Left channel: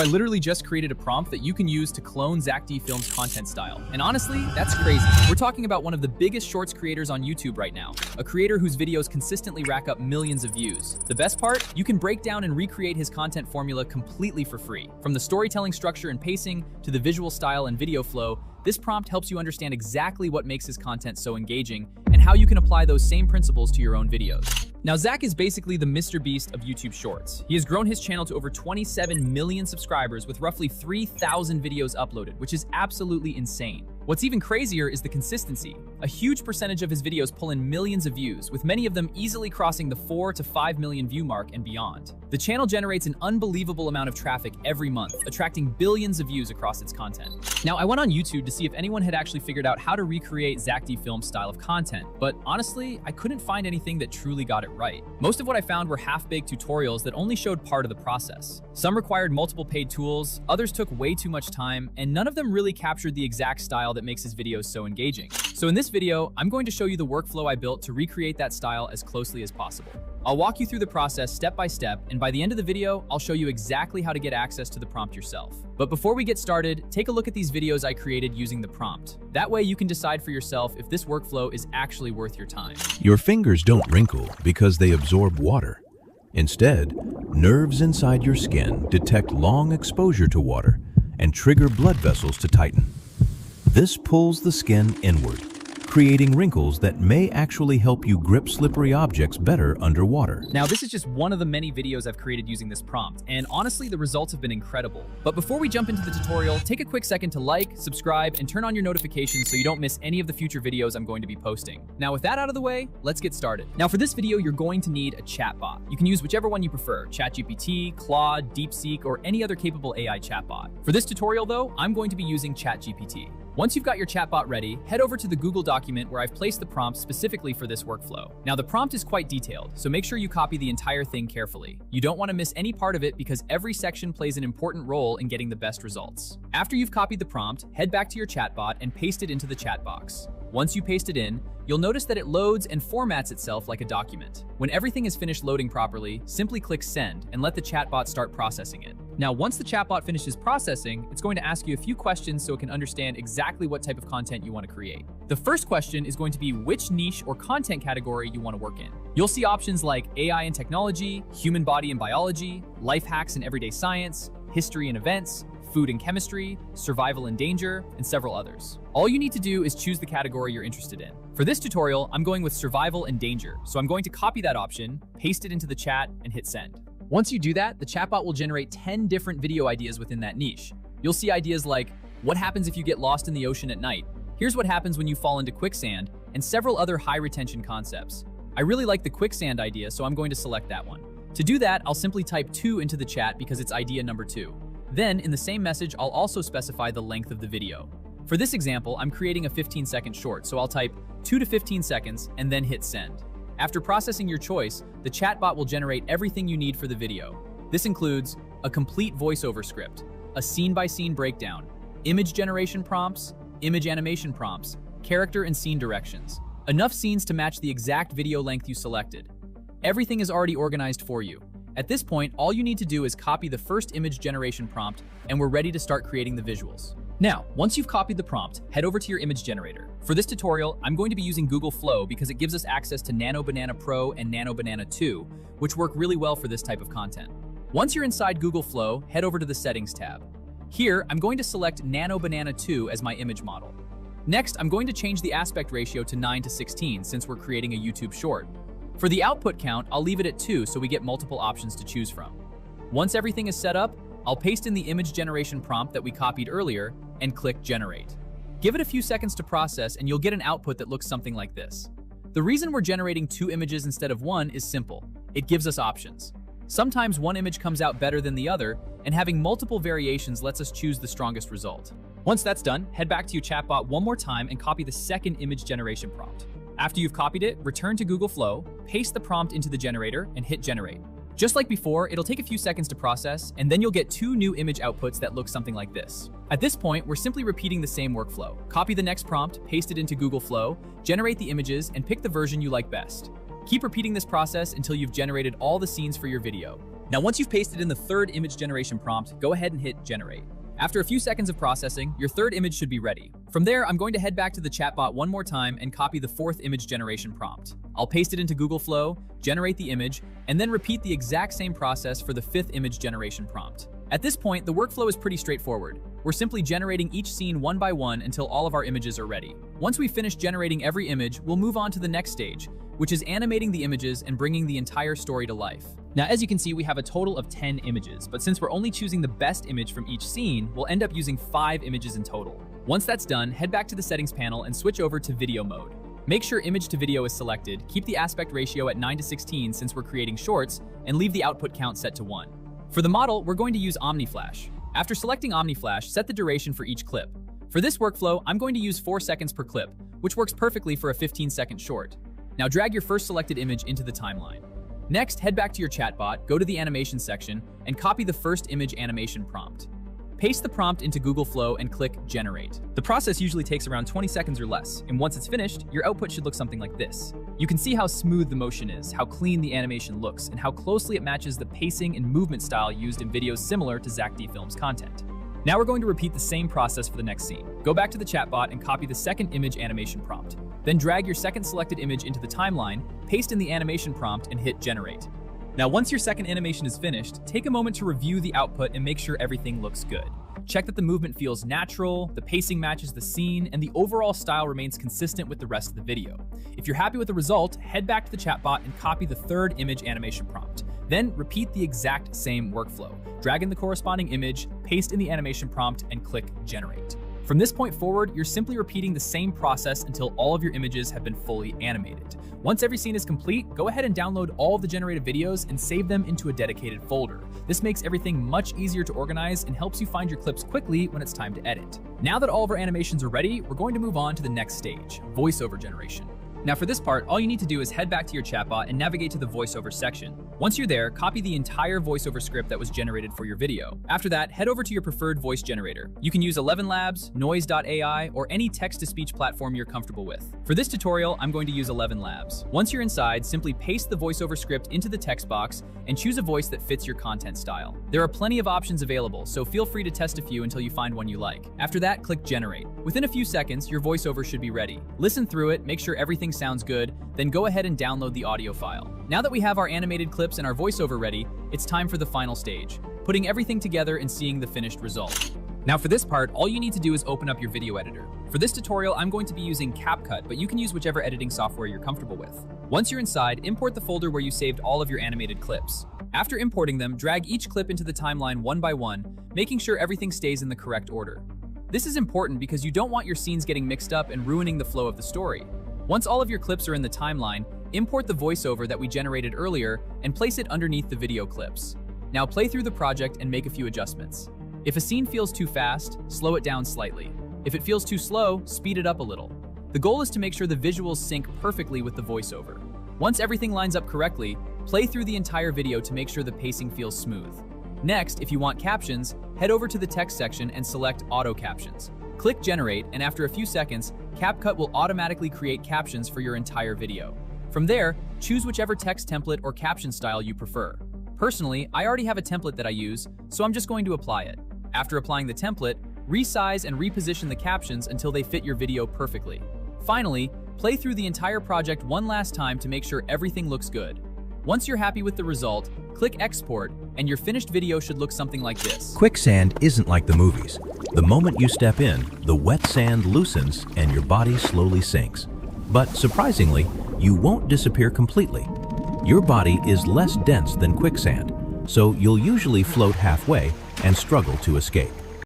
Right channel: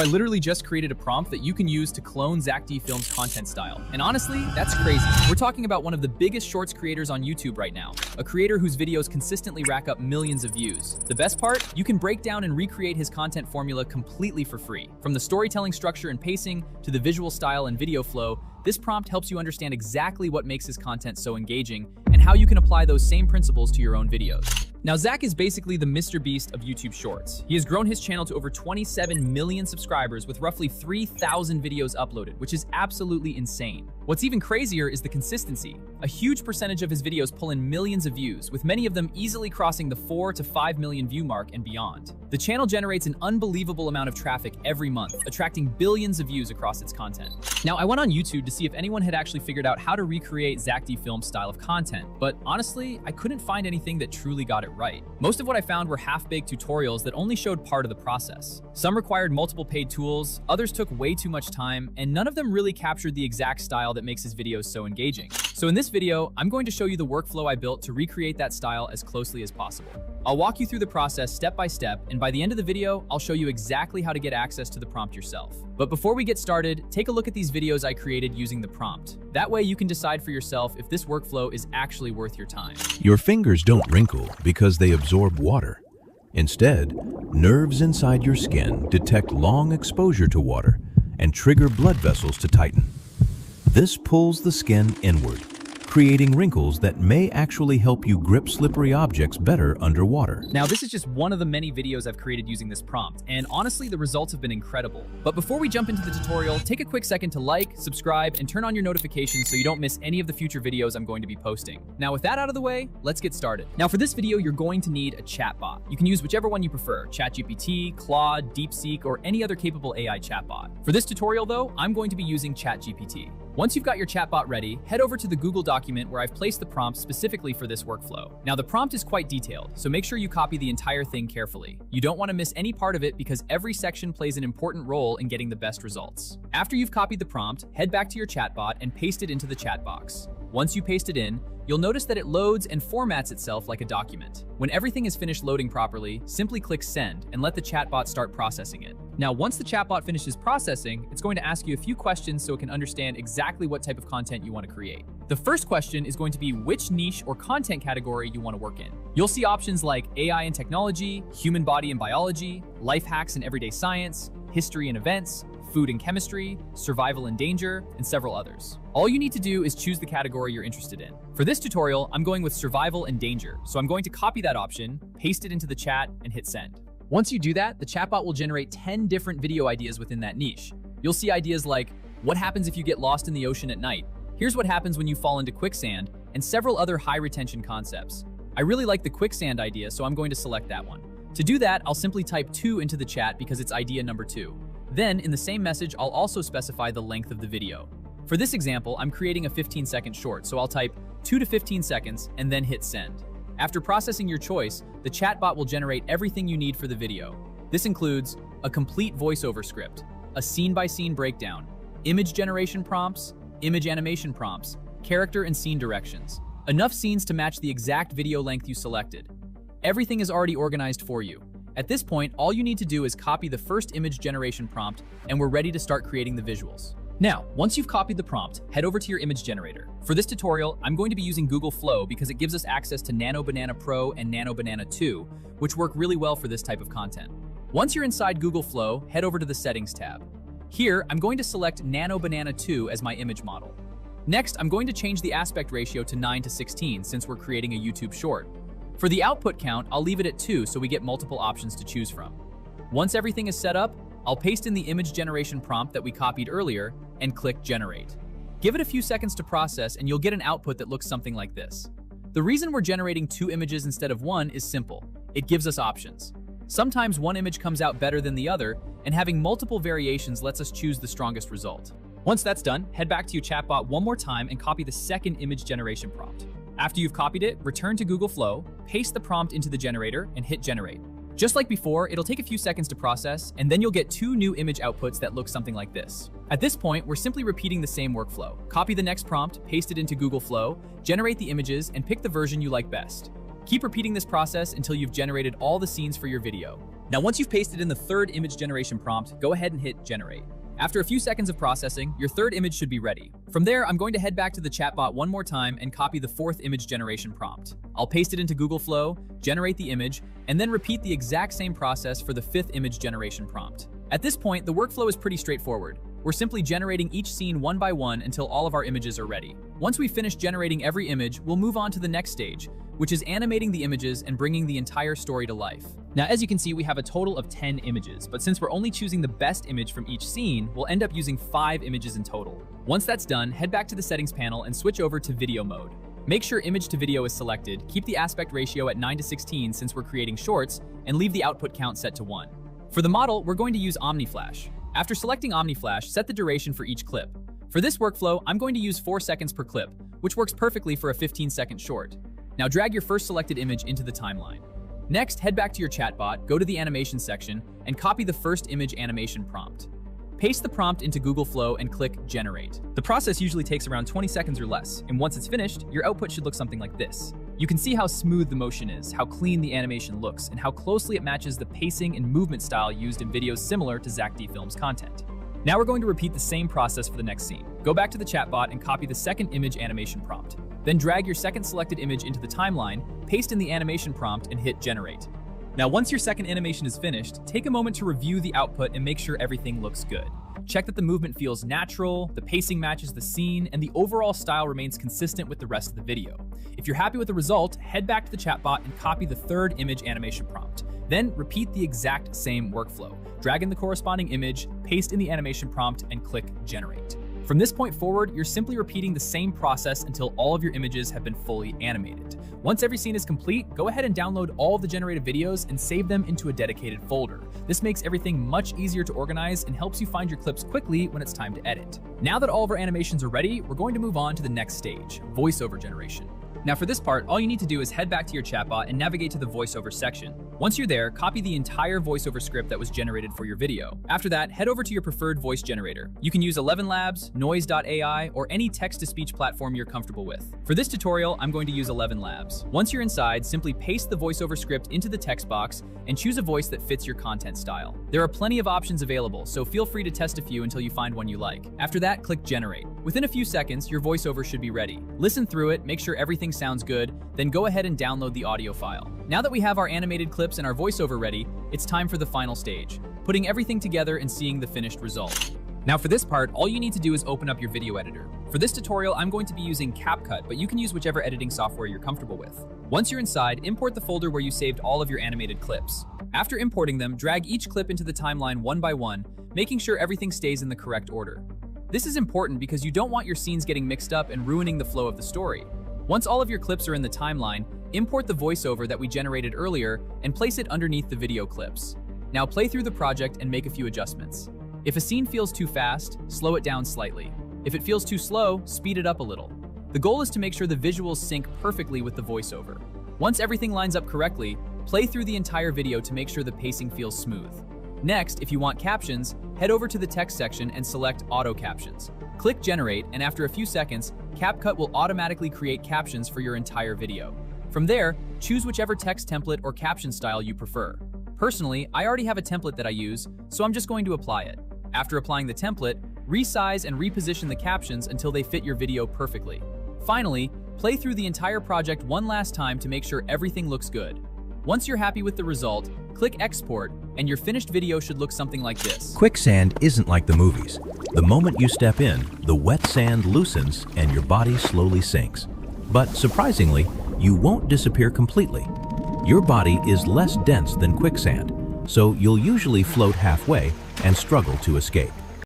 So I literally just created a prompt that you can use to clone Zack D Films' content style. And honestly, that's crazy. We're talking about one of the biggest shorts creators on YouTube right now, a creator whose videos consistently rack up millions of views. The best part? You can break down and recreate his content formula completely for free. From the storytelling structure and pacing to the visual style and video flow, this prompt helps you understand exactly what makes his content so engaging and how you can apply those same principles to your own videos. Now, Zack is basically the Mr. Beast of YouTube Shorts. He has grown his channel to over 27 million subscribers with roughly 3,000 videos uploaded, which is absolutely insane. What's even crazier is the consistency. A huge percentage of his videos pull in millions of views, with many of them easily crossing the 4 to 5 million view mark and beyond. The channel generates an unbelievable amount of traffic every month, attracting billions of views across its content. Now, I went on YouTube to see if anyone had actually figured out how to recreate Zack D Films' style of content, but honestly, I couldn't find anything that truly got it right. Most of what I found were half-baked tutorials that only showed part of the process. Some required multiple paid tools, others took way too much time, and none of them really captured the exact style that makes his videos so engaging. So in this video, I'm going to show you the workflow I built to recreate that style as closely as possible. I'll walk you through the process step by step, and by the end of the video, I'll show you exactly how to get access to the prompt yourself. But before we get started, take a look at these videos I created using the prompt. That way you can decide for yourself if this workflow is actually worth your time. Your fingers don't wrinkle because they absorb water. Instead, nerves inside your skin detect long exposure to water and trigger blood vessels to tighten. This pulls the skin inward, creating wrinkles that may actually help you grip slippery objects better underwater. Now, this is just one of the many videos I've created using this prompt, and honestly, the results have been incredible. But before we jump into the tutorial, take a quick second to like, subscribe, and turn on your notifications so you don't miss any of the future videos I'm going to be posting. Now, with that out of the way, let's get started. Now, for this video, you're going to need a chatbot. You can use whichever one you prefer, ChatGPT, Claude, DeepSeek, or any other capable AI chatbot. For this tutorial, though, I'm going to be using ChatGPT. Once you've got your chatbot ready, head over to the Google document where I've placed the prompt specifically for this workflow. Now, the prompt is quite detailed, so make sure you copy the entire thing carefully. You don't want to miss any part of it because every section plays an important role in getting the best results. After you've copied the prompt, head back to your chatbot and paste it into the chat box. Once you paste it in, you'll notice that it loads and formats itself like a document. When everything is finished loading properly, simply click send and let the chatbot start processing it. Now, once the chatbot finishes processing, it's going to ask you a few questions so it can understand exactly what type of content you want to create. The first question is going to be which niche or content category you want to work in. You'll see options like AI and technology, human body and biology, life hacks and everyday science, history and events, food and chemistry, survival and danger, and several others. All you need to do is choose the category you're interested in. For this tutorial, I'm going with survival and danger, so I'm going to copy that option, paste it into the chat, and hit send. Once you do that, the chatbot will generate 10 different video ideas within that niche. You'll see ideas like, what happens if you get lost in the ocean at night? Here's what happens when you fall into quicksand, and several other high retention concepts. I really like the quicksand idea, so I'm going to select that one. To do that, I'll simply type 2 into the chat because it's idea number 2. Then, in the same message, I'll also specify the length of the video. For this example, I'm creating a 15-second short, so I'll type 2 to 15 seconds and then hit send. After processing your choice, the chatbot will generate everything you need for the video. This includes a complete voiceover script, a scene-by-scene breakdown, image generation prompts, image animation prompts, character and scene directions, enough scenes to match the exact video length you selected. Everything is already organized for you. At this point, all you need to do is copy the first image generation prompt, and we're ready to start creating the visuals. Now, once you've copied the prompt, head over to your image generator. For this tutorial, I'm going to be using Google Flow because it gives us access to Nano Banana Pro and Nano Banana 2, which work really well for this type of content. Once you're inside Google Flow, head over to the Settings tab. Here, I'm going to select Nano Banana 2 as my image model. Next, I'm going to change the aspect ratio to 9:16 since we're creating a YouTube short. For the output count, I'll leave it at 2 so we get multiple options to choose from. Once everything is set up, I'll paste in the image generation prompt that we copied earlier and click Generate. Give it a few seconds to process and you'll get an output that looks something like this. The reason we're generating 2 images instead of 1 is simple. It gives us options. Sometimes one image comes out better than the other, and having multiple variations lets us choose the strongest result. Once that's done, head back to your chatbot one more time and copy the second image generation prompt. After you've copied it, return to Google Flow, paste the prompt into the generator, and hit Generate. Just like before, it'll take a few seconds to process, and then you'll get 2 new image outputs that look something like this. At this point, we're simply repeating the same workflow. Copy the next prompt, paste it into Google Flow, generate the images, and pick the version you like best. Keep repeating this process until you've generated all the scenes for your video. Now, once you've pasted in the third image generation prompt, go ahead and hit generate. After a few seconds of processing, your third image should be ready. From there, I'm going to head back to the chatbot one more time and copy the fourth image generation prompt. I'll paste it into Google Flow, generate the image, and then repeat the exact same process for the fifth image generation prompt. At this point, the workflow is pretty straightforward. We're simply generating each scene one by one until all of our images are ready. Once we finish generating every image, we'll move on to the next stage, which is animating the images and bringing the entire story to life. Now, as you can see, we have a total of 10 images, but since we're only choosing the best image from each scene, we'll end up using 5 images in total. Once that's done, head back to the settings panel and switch over to video mode. Make sure image to video is selected, keep the aspect ratio at 9:16 since we're creating shorts, and leave the output count set to 1. For the model, we're going to use OmniFlash. After selecting OmniFlash, set the duration for each clip. For this workflow, I'm going to use 4 seconds per clip, which works perfectly for a 15-second short. Now drag your first selected image into the timeline. Next, head back to your chatbot, go to the animation section, and copy the first image animation prompt. Paste the prompt into Google Flow and click Generate. The process usually takes around 20 seconds or less, and once it's finished, your output should look something like this. You can see how smooth the motion is, how clean the animation looks, and how closely it matches the pacing and movement style used in videos similar to Zack D Films' content. Now we're going to repeat the same process for the next scene. Go back to the chatbot and copy the second image animation prompt. Then drag your second selected image into the timeline, paste in the animation prompt, and hit Generate. Now, once your second animation is finished, take a moment to review the output and make sure everything looks good. Check that the movement feels natural, the pacing matches the scene, and the overall style remains consistent with the rest of the video. If you're happy with the result, head back to the chatbot and copy the third image animation prompt. Then repeat the exact same workflow. Drag in the corresponding image, paste in the animation prompt, and click Generate. From this point forward, you're simply repeating the same process until all of your images have been fully animated. Once every scene is complete, go ahead and download all the generated videos and save them into a dedicated folder. This makes everything much easier to organize and helps you find your clips quickly when it's time to edit. Now that all of our animations are ready, we're going to move on to the next stage, voiceover generation. Now for this part, all you need to do is head back to your chatbot and navigate to the voiceover section. Once you're there, copy the entire voiceover script that was generated for your video. After that, head over to your preferred voice generator. You can use 11 Labs, Noise.ai, or any text-to-speech platform you're comfortable with. For this tutorial, I'm going to use 11 Labs. Once you're inside, simply paste the voiceover script into the text box and choose a voice that fits your content style. There are plenty of options available, so feel free to test a few until you find one you like. After that, click Generate. Within a few seconds, your voiceover should be ready. Listen through it, make sure everything sounds good, then go ahead and download the audio file. Now that we have our animated clips and our voiceover ready, it's time for the final stage, putting everything together and seeing the finished result. Now for this part, all you need to do is open up your video editor. For this tutorial, I'm going to be using CapCut, but you can use whichever editing software you're comfortable with. Once you're inside, import the folder where you saved all of your animated clips. After importing them, drag each clip into the timeline one by one, making sure everything stays in the correct order. This is important because you don't want your scenes getting mixed up and ruining the flow of the story. Once all of your clips are in the timeline, import the voiceover that we generated earlier and place it underneath the video clips. Now play through the project and make a few adjustments. If a scene feels too fast, slow it down slightly. If it feels too slow, speed it up a little. The goal is to make sure the visuals sync perfectly with the voiceover. Once everything lines up correctly, play through the entire video to make sure the pacing feels smooth. Next, if you want captions, head over to the text section and select Auto Captions. Click Generate, and after a few seconds, CapCut will automatically create captions for your entire video. From there, choose whichever text template or caption style you prefer. Personally, I already have a template that I use, so I'm just going to apply it. After applying the template, resize and reposition the captions until they fit your video perfectly. Finally, play through the entire project one last time to make sure everything looks good. Once you're happy with the result, click Export, and your finished video should look something like this. Quicksand isn't like the movies. The moment you step in, the wet sand loosens and your body slowly sinks. But surprisingly, you won't disappear completely. Your body is less dense than quicksand, so you'll usually float halfway and struggle to escape.